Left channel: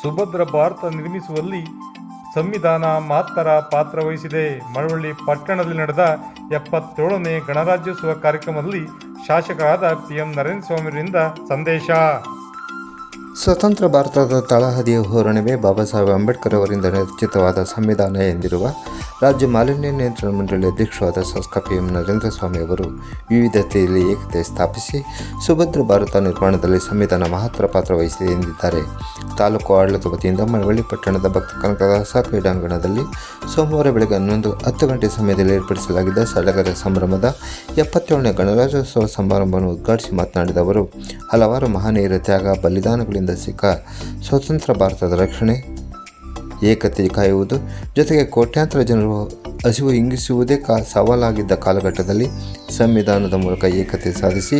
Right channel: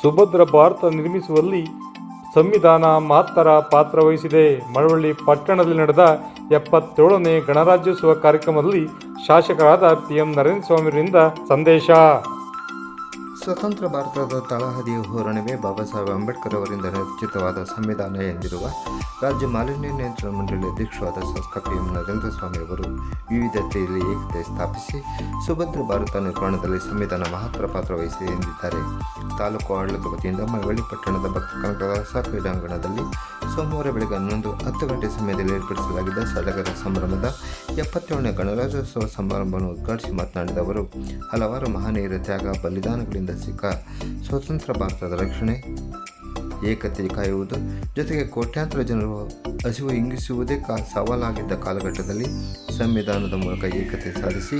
ಸುಭದ್ರ ಭಾರತ ನಿರ್ಮಿಸುವಲ್ಲಿ ಸಂವಿಧಾನ ಮಹತ್ತರ ಪಾತ್ರ ವಹಿಸಿದೆ. ಮಳವಳ್ಳಿ ಪಟ್ಟಣದಲ್ಲಿ ನಡೆದ 77ನೇ ಗಣರಾಜ್ಯೋತ್ಸವ ಕಾರ್ಯಕ್ರಮದಲ್ಲಿ ಶಾಸಕರಾದ PM ನರೇಂದ್ರ ಸ್ವಾಮಿಯವರಿಂದ ಸಂದೇಶ. ಸ್ವತಂತ್ರ ಭಾರತದ ತಳಹದಿಯ ಹೋರಾಟವೇ ಬಾಬಾ ಸಾಹೇಬ್ ಅಂಬೇಡ್ಕರ್ ಅವರಿಂದ ರಚಿತವಾದ ಸಂವಿಧಾನ ಎಂದಿರುವ ರಾಜ್ಯ ಮಾಲಿನ್ಯ ನಿಯಂತ್ರಣ ಮಂಡಳಿ ಅಧ್ಯಕ್ಷರಾದ ಶಾಸಕ PM ನರೇಂದ್ರ ಸ್ವಾಮಿ ಅವರು ವಿವಿಧತೆಯಲ್ಲಿ ಏಕತೆ ಸ್ಥಾಪಿಸಿ ಸುಭದ್ರ ಭಾರತ ನಿರ್ಮಾಣದಲ್ಲಿ ಸಂವಿಧಾನ ಮಹತ್ತರ ಪಾತ್ರ ವಹಿಸಿದೆ ಎಂದಿದ್ದಾರೆ. ತಾಲೂಕು ಆಡಳಿತ ವತಿಯಿಂದ ಮಳವಳ್ಳಿ ಪಟ್ಟಣದ ಭಕ್ತ ಕನಕದಾಸ ಕ್ರೀಡಾಂಗಣದಲ್ಲಿ ಸೋಮವಾರ ಬೆಳಗ್ಗೆ 10 ಗಂಟೆ ಸಮಯದಲ್ಲಿ ಏರ್ಪಡಿಸಲಾಗಿದ್ದ ಸಡಗರ ಸಂಭ್ರಮದ 77ನೇ ಗಣರಾಜ್ಯೋತ್ಸವ ಸಮಾರಂಭವನ್ನು ಉದ್ಘಾಟಿಸಿ ಮಾತನಾಡಿದ ಅವರು, ಹಲವಾರು ಮಹನೀಯರ ತ್ಯಾಗ ಬಲಿದಾನಗಳಿಂದ ಸಿಕ್ಕ ಸ್ವತಂತ್ರ ಭಾರತದ ರಕ್ಷಣೆ, ಏಕತೆ ಕಾಯುವುದು ಜೊತೆಗೆ ಕೋಟ್ಯಾಂತರ ಜನರು ಹಸಿವು ಇಂಗಿಸುವುದೇ ಸವಾಲಾಗಿದ್ದ ಕಾಲಘಟ್ಟದಲ್ಲಿ ಸಂವಿಧಾನದ ಮೂಲಕ ಏಕತೆ ಸಾಧಿಸಿ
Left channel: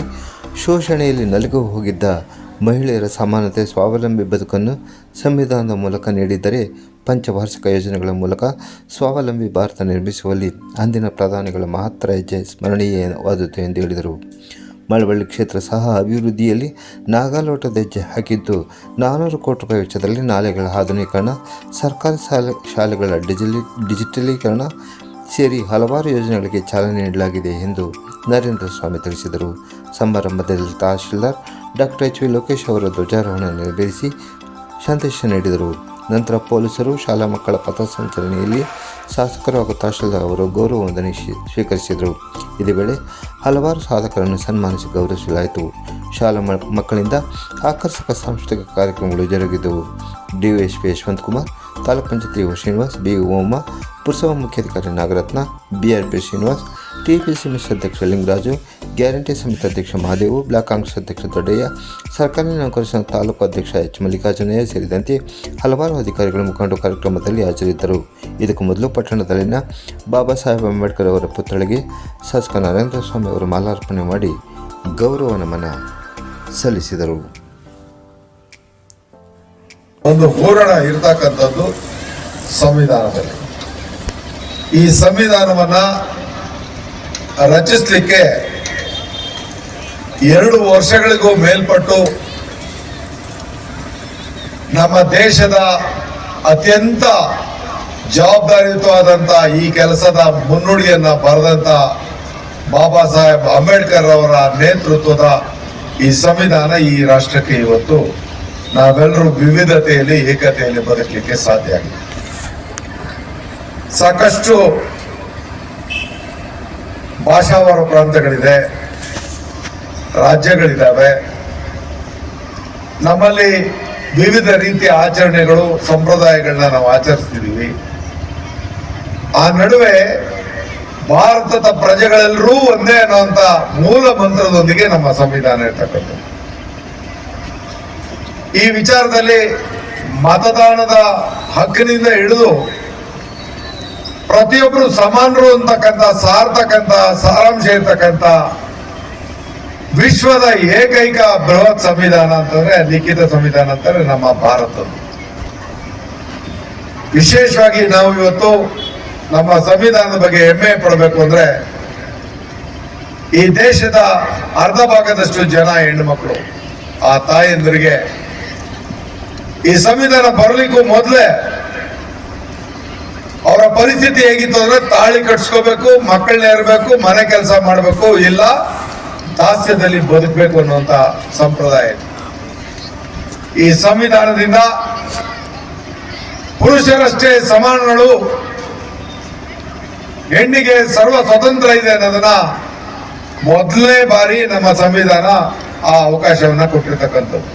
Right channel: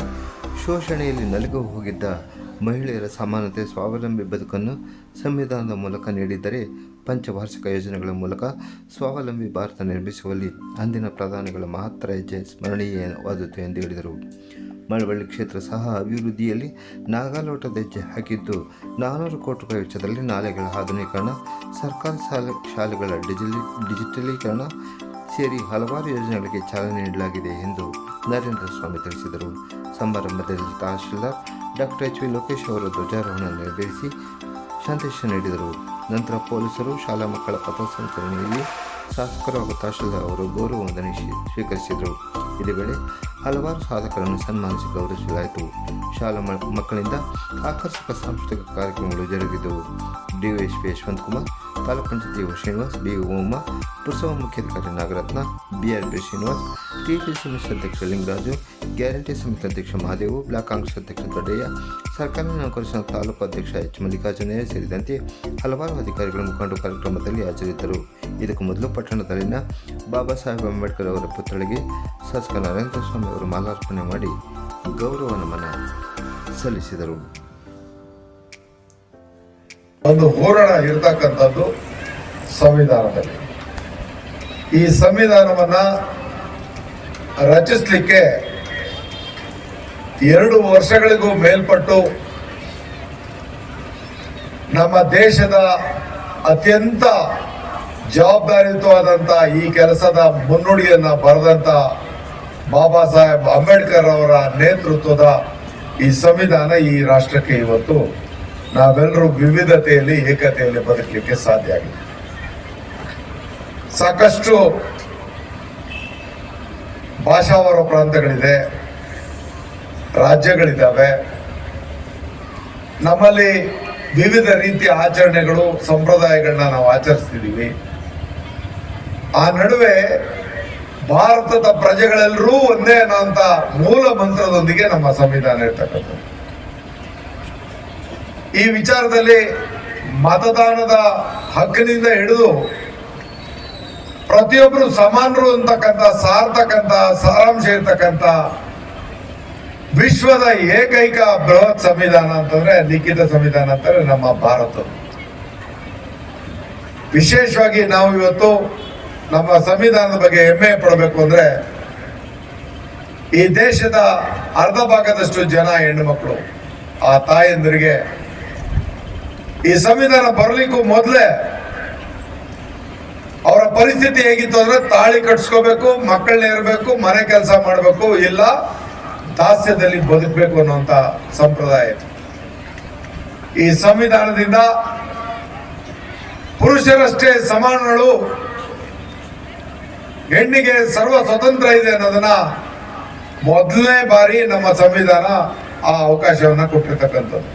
ಶೋಷಣೆಯಲ್ಲಿ ನಲುಗು ಹೋಗಿದ್ದ ಮಹಿಳೆಯರ ಸಮಾನತೆ, ಸ್ವಾವಲಂಬಿ ಬದುಕನ್ನು ಸಂವಿಧಾನದ ಮೂಲಕ ನೀಡಿದರೆ ಪಂಚವಾರ್ಷಿಕ ಯೋಜನೆಗಳ ಮೂಲಕ ಸ್ವಾವಲಂಬಿ ಭಾರತ ನಿರ್ಮಿಸುವಲ್ಲಿ ಅಂದಿನ ಪ್ರಧಾನಿಗಳ ಮಹತ್ತರ ಹೆಜ್ಜೆ ಸ್ಮರಣೀಯವಾದದ್ದು ಎಂದು ಹೇಳಿದರು. ಮಳವಳ್ಳಿ ಕ್ಷೇತ್ರ ಸಹ ಅಭಿವೃದ್ಧಿಯಲ್ಲಿ ನಾಗಾಲೋಟದ ಹೆಜ್ಜೆ ಹಾಕಿದ್ದು 400 ಕೋಟಿ ರೂಪಾಯಿ ವೆಚ್ಚದಲ್ಲಿ ನಾಲೆಗಳ ಆಧುನೀಕರಣ, ಸರ್ಕಾರಿ ಶಾಲೆಗಳ ಡಿಜಿಟಲೀಕರಣ ಸೇರಿ ಹಲವಾರು ಯೋಜನೆಗಳಿಗೆ ಚಾಲನೆ ನೀಡಲಾಗಿದೆ ಎಂದು ನರೇಂದ್ರ ಸ್ವಾಮಿ ತಿಳಿಸಿದರು. ಸಮಾರಂಭದಲ್ಲಿ ತಹಶೀಲ್ದಾರ್ ಡಾಕ್ಟರ್ H.V. ಲೋಕೇಶ್ ಅವರು ಧ್ವಜಾರೋಹಣ ನೆರವೇರಿಸಿ ಸಂದೇಶ ನೀಡಿದರು. ನಂತರ ಪೊಲೀಸರು ಶಾಲಾ ಮಕ್ಕಳ ಪಥಸಂಚಲನೆಯಲ್ಲಿ ಶಾಸಕರು ಹಾಗೂ ತಹಶೀಲ್ದಾರ್ ಅವರು ಗೌರವ ವಂದನೆ ಸ್ವೀಕರಿಸಿದರು. ಇದೇ ವೇಳೆ ಹಲವಾರು ಸಾಧಕರನ್ನು ಸನ್ಮಾನಿಸಿ ಗೌರವಿಸಲಾಯಿತು. ಶಾಲಾ ಮಕ್ಕಳಿಂದ ಆಕರ್ಷಕ ಸಾಂಸ್ಕೃತಿಕ ಕಾರ್ಯಕ್ರಮಗಳು ಜರುಗಿದವು. DOSP Yashwant Kumar, taluk panchayat EO Srinivas, BO Uma, ಪುರಸಭಾ ಮುಖ್ಯಾಧಿಕಾರಿ ನಾಗರತ್ನ, BRP ಶ್ರೀನಿವಾಸ್, TPC ಅಧ್ಯಕ್ಷ ಲಿಂಗರಾಜು, ಗ್ಯಾರಂಟಿ ಸಮಿತಿ ಅಧ್ಯಕ್ಷ ಮಹಾದೇವು, ಬ್ಲಾಕ್ ಕಾಂಗ್ರೆಸ್ ಅಧ್ಯಕ್ಷ ದೊಡ್ಡಯ್ಯ, ಸರ್ಕಾರಿ ನೌಕರರ ಸಂಘ ತಾಲೂಕು ಅಧ್ಯಕ್ಷ H. ಮಲ್ಲಿಕಾರ್ಜುನಯ್ಯ ಸೇರಿದಂತೆ ಹಲವಾರು ಅಧಿಕಾರಿಗಳು ಮುಖಂಡರು ಕಾರ್ಯಕ್ರಮದಲ್ಲಿ ಹಾಜರಿದ್ದರು. ಇದಕ್ಕೂ ಮೊದಲು ಪಟ್ಟಣದಲ್ಲಿನ ಬಾಬಾ ಸಾಹೇಬ್ ಅಂಬೇಡ್ಕರ್ ಅವರ ಪುತ್ಥಳಿಗೆ ಶಾಸಕ ನರೇಂದ್ರ ಸ್ವಾಮಿ ಅವರು ಮಾಲಾರ್ಪಣೆ ಮಾಡಿ ಗೌರವ ನಮನ ಸಲ್ಲಿಸಿದರು. ಒಂದು ಹೋರಾಟ ಇರತಕ್ಕಂಥದ್ದು ಸಂವಿಧಾನದಲ್ಲಿ. ಈ ಸಂವಿಧಾನವನ್ನ ರಚಿಸಲಿಕ್ಕೆ 2 ವರ್ಷಗಳಿಗೂ ಮೇಲ್ಪಟ್ಟು ನಮ್ಮ ದೇಶದ ಅತ್ಯಂತ ಜವಾಬ್ದಾರಿಯುತವಾದಂಥ ಈ ಕೆಲಸದ ಮುನ್ನುಡಿಯನ್ನ ಬರೆದಂತ ಬಾಬಾ ಸಾಹೇಬ್ ಅಂಬೇಡ್ಕರ್ ಅವರ ನೇತೃತ್ವದ ಈ ಸಂವಿಧಾನ ಈ ರಾಷ್ಟ್ರಕ್ಕೆ ಇವತ್ತು ನಾವೆಲ್ಲರೂ ವಿವಿಧತೆಯಲ್ಲಿ ಏಕತೆಯಲ್ಲಿ ಬದುಕಲಿಕ್ಕೆ ಸಾಧ್ಯ ಆಗಿದೆ. ಸಾಕಷ್ಟು ಭಾಷಾವಾರ ಪ್ರಾಂತಗಳಿದೆ, ರಾಜ್ಯಗಳಿದ್ದಾವೆ. ನಮ್ಮಲ್ಲಿ ವಿವಿಧ ರೀತಿಯ ಆಚರಣೆಗಳು, ಸಂಪ್ರದಾಯಗಳನ್ನ ನಾವು ಆಚರಿಸ್ತಿದ್ದೀವಿ. ಆ ನಡುವೆ ಭಾರತದ ಪ್ರಜೆಗಳೆಲ್ಲರೂ ಒಂದೇ ಅನ್ನುವಂತ ಮೂಲ ಮಂತ್ರದೊಂದಿಗೆ ನಮ್ಮ ಸಂವಿಧಾನ ಇರ್ತಕ್ಕಂಥದ್ದು. ಈ ವಿಚಾರದಲ್ಲಿ ಮತದಾನದ ಹಕ್ಕಿನಿಂದ ಹಿಡಿದು ಪ್ರತಿಯೊಬ್ಬರು ಸಮಾನರು ಅಂತಕ್ಕಂಥ ಸಾರ್ತಕ್ಕಂಥ ಸಾರಾಂಶ ಇರ್ತಕ್ಕಂಥ ವಿಶ್ವದ ಏಕೈಕ ಬೃಹತ್ ಸಂವಿಧಾನ ಅಂತಂದ್ರೆ ಲಿಖಿತ ಸಂವಿಧಾನ ಅಂತಂದ್ರೆ ನಮ್ಮ ಭಾರತದ್ದು. ವಿಶೇಷವಾಗಿ ನಾವು ಇವತ್ತು ನಮ್ಮ ಸಂವಿಧಾನದ ಬಗ್ಗೆ ಹೆಮ್ಮೆ ಪಡಬೇಕು ಅಂದ್ರೆ ಈ ದೇಶದ ಅರ್ಧ ಭಾಗದಷ್ಟು ಜನ ಹೆಣ್ಣುಮಕ್ಕಳು. ಆ ತಾಯಂದಿರಿಗೆ ಈ ಸಂವಿಧಾನ ಬರಲಿಕ್ಕೂ ಮೊದಲೇ ಅವರ ಪರಿಸ್ಥಿತಿ ಹೇಗಿತ್ತು ಅಂದ್ರೆ ತಾಳಿ ಕಟ್ಸ್ಕೋಬೇಕು, ಮಕ್ಕಳನ್ನ ಇರಬೇಕು, ಮನೆ ಕೆಲಸ ಮಾಡಬೇಕು, ಇಲ್ಲ ದಾಸ್ಯದಲ್ಲಿ ಬದುಕಬೇಕು ಅನ್ನುವಂತ ಸಂಪ್ರದಾಯ. ಈ ಸಂವಿಧಾನದಿಂದ ಪುರುಷರಷ್ಟೇ ಸಮಾನಗಳು, ಹೆಣ್ಣಿಗೆ ಸರ್ವ ಸ್ವತಂತ್ರ ಇದೆ ಅನ್ನೋದನ್ನ ಮೊದಲನೇ ಬಾರಿ ನಮ್ಮ ಸಂವಿಧಾನ ಆ ಅವಕಾಶವನ್ನ ಕೊಟ್ಟಿರ್ತಕ್ಕಂಥದ್ದು.